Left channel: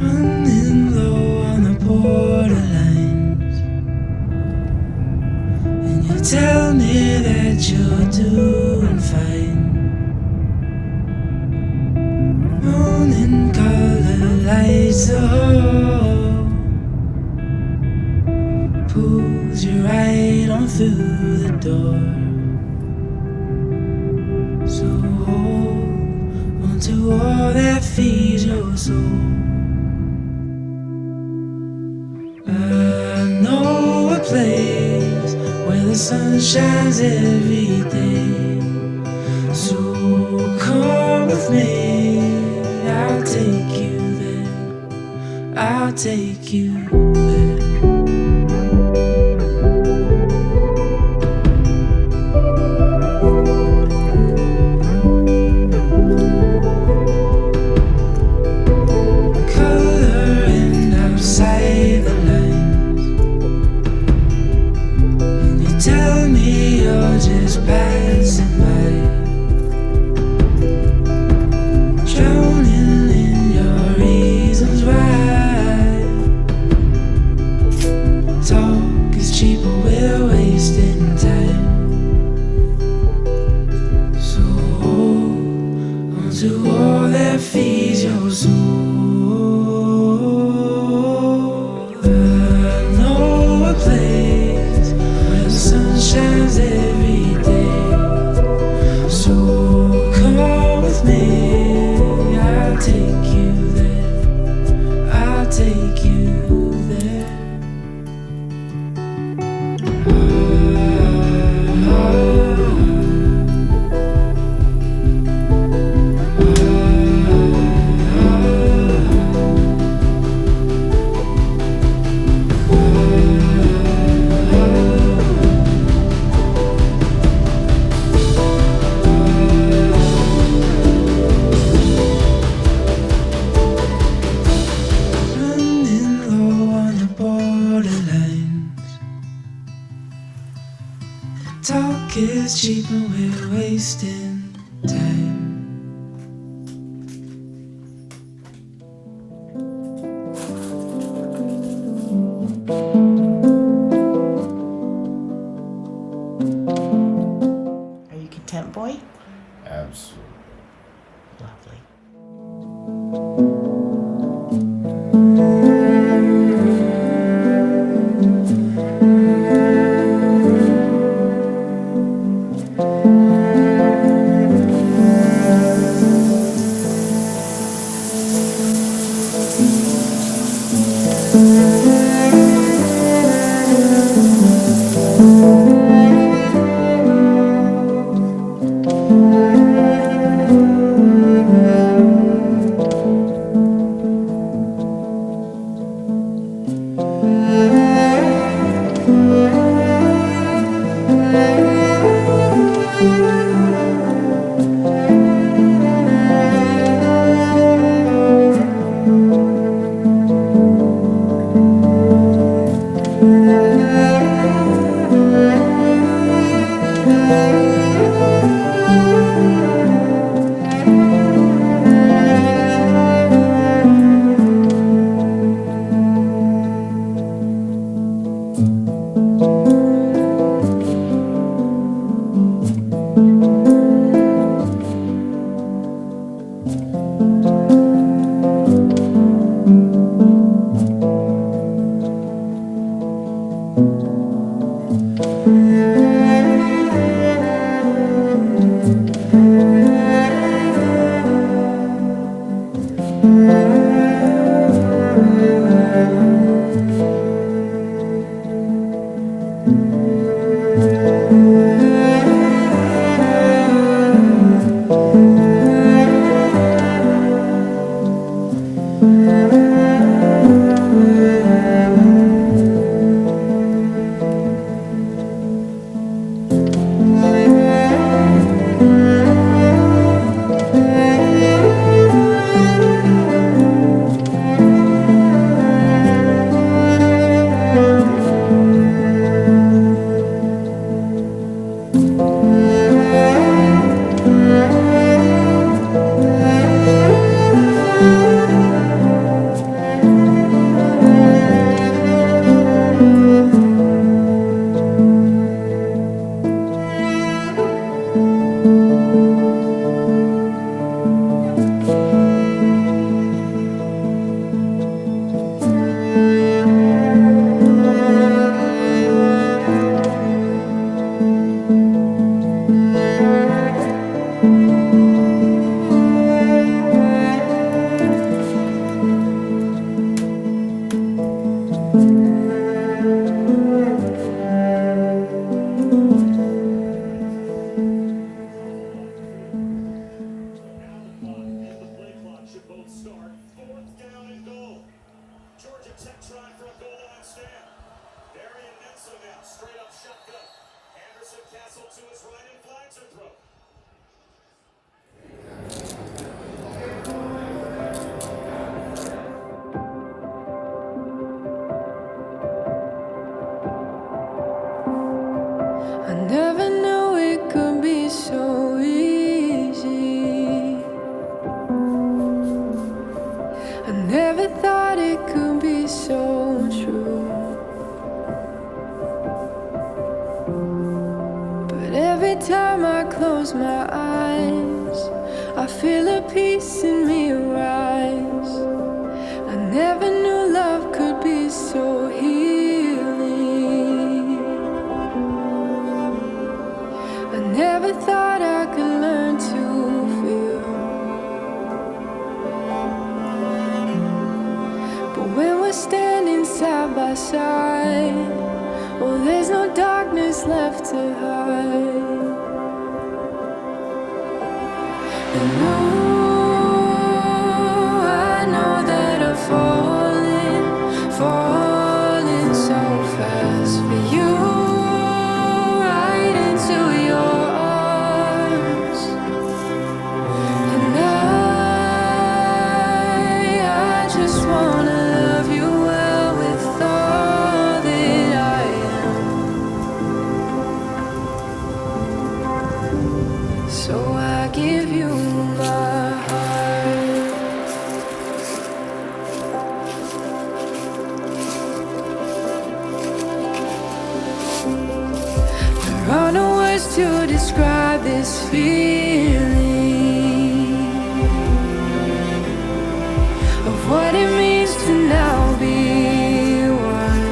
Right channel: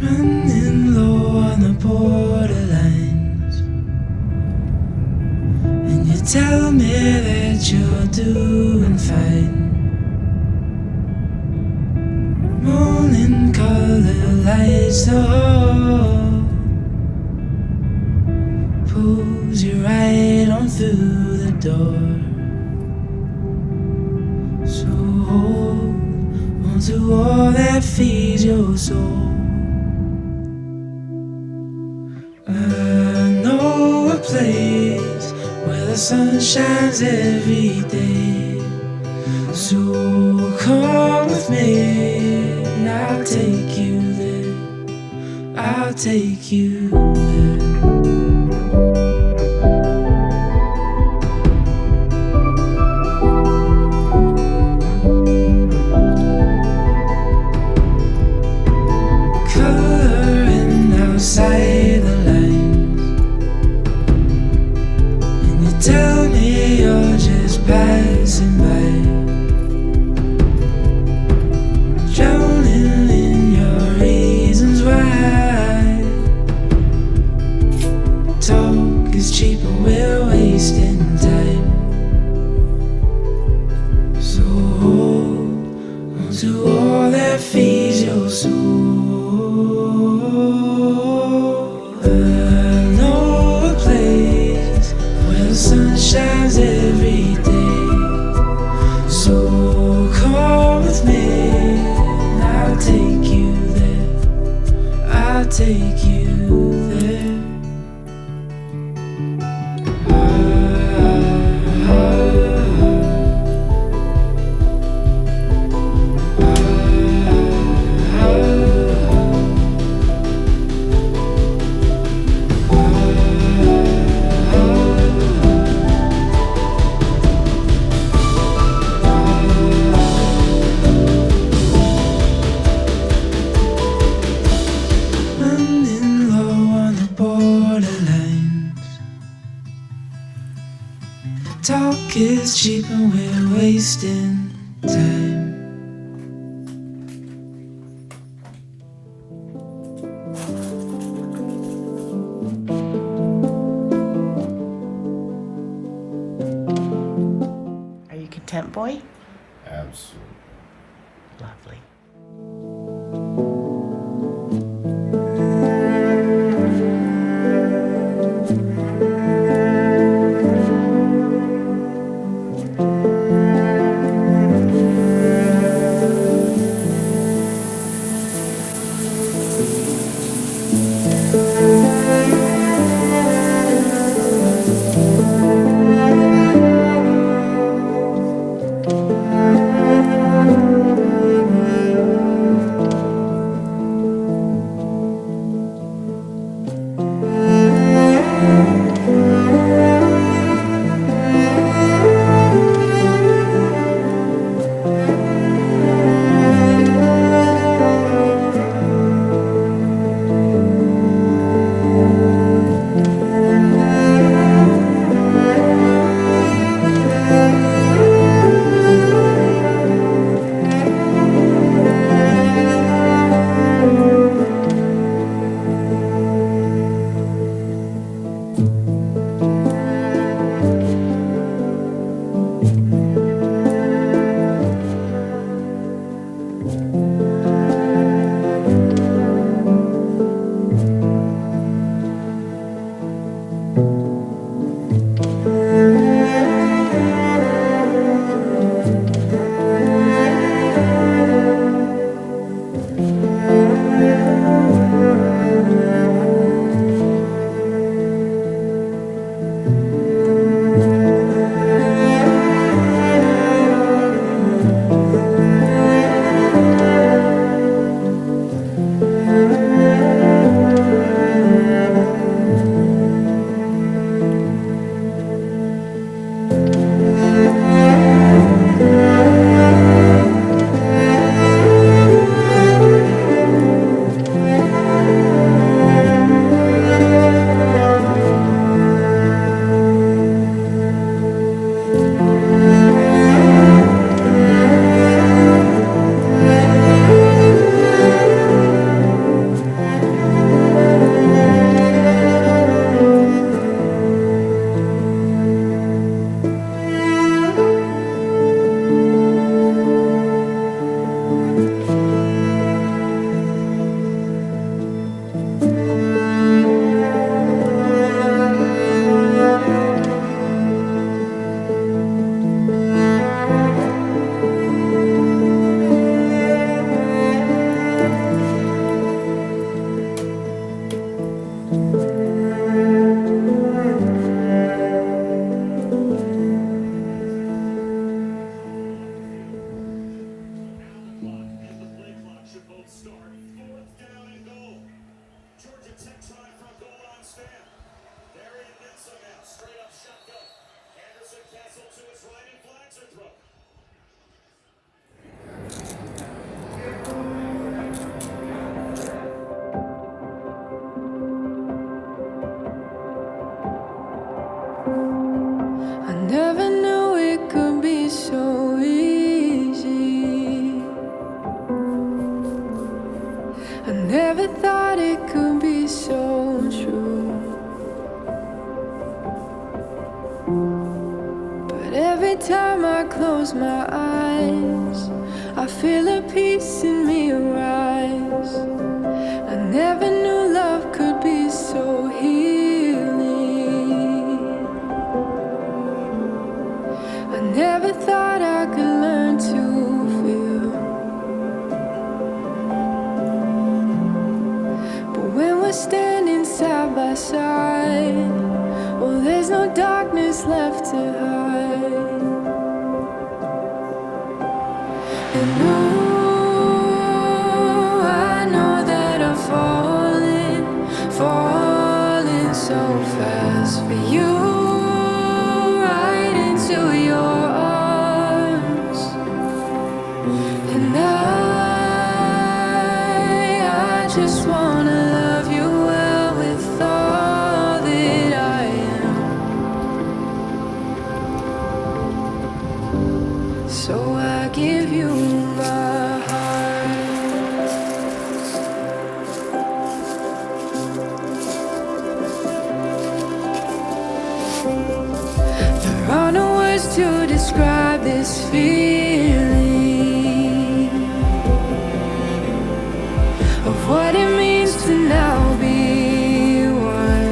Running low on the borderlines, and you tell me that you're doing fine. Morning color lights the hall, pulls you right on through the door. So hold on to all that feeds your soul. I know a place where the sun shines every day. So come with me, I'll take you there. I'll take you there. Coloring outside the lines, and you tell me you're just passing by, drowning in your reasons why. Talk is cheap, but we're wasting time. So hold on to all that feeds your soul. I know a place where the sun shines every day. So come with me, I'll take you there. I'll take you there. Running low on the borderlines. Talk is cheap and we're wasting time. Are you content, boy? Absolutely. Lovely. close my eyes, I feel a peace in me rise. I never knew love could be so healing. I never thought I could learn to feel. But when we're standing side by side, well, there's no darkness left to hide. And oh, I know that I'm falling so fast for you, right into your arms. And I just wanna love you well with all that I am. So I give you my heart. There are no words to describe this feeling of what it means to now be one.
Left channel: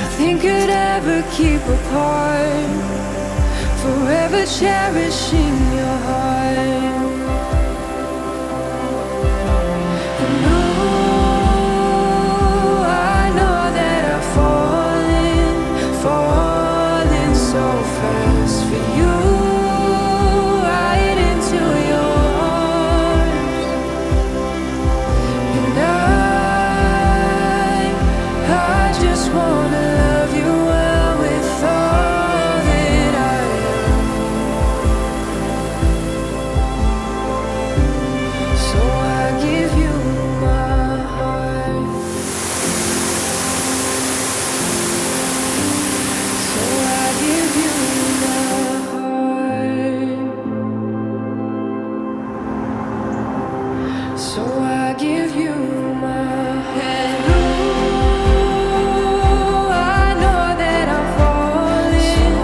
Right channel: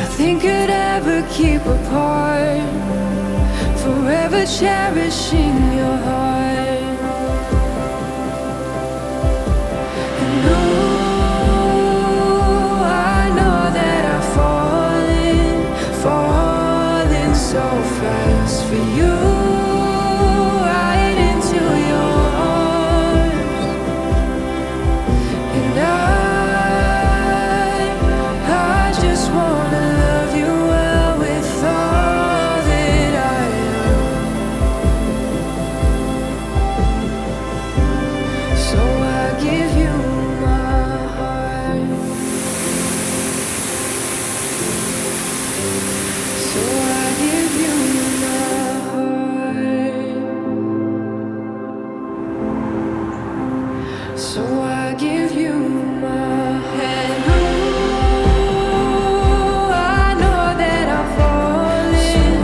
Nothing could ever keep apart, forever cherishing your heart. And oh, I know that I'm falling so fast for you, right into your arms. And I just wanna love you well with all that I am. So I give you my heart. So I give you my heart. So I give you my hand. Ooh, I know that I'm falling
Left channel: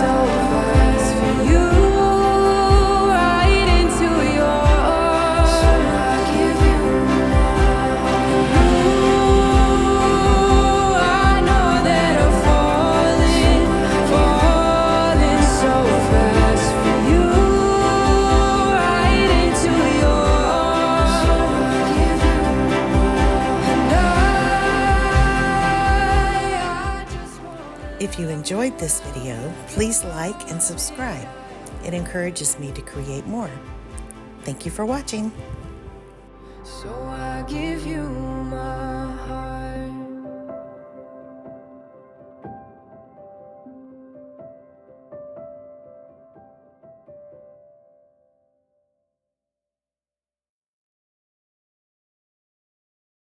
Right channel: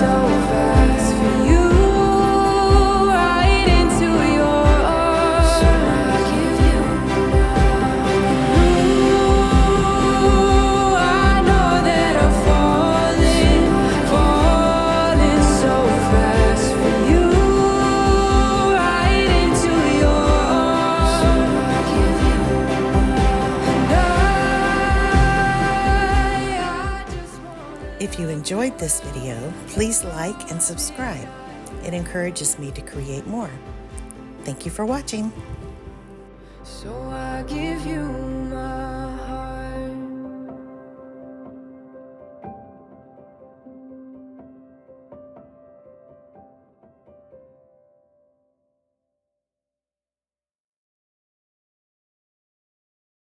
so fast for you, right into your arms. So I give you my heart. Ooh, I know that I'm falling so fast for you, right into your arms. So I give you and I just wanna. If you enjoyed this video, please like and subscribe. It encourages me to create more. Thank you for watching. So I give you my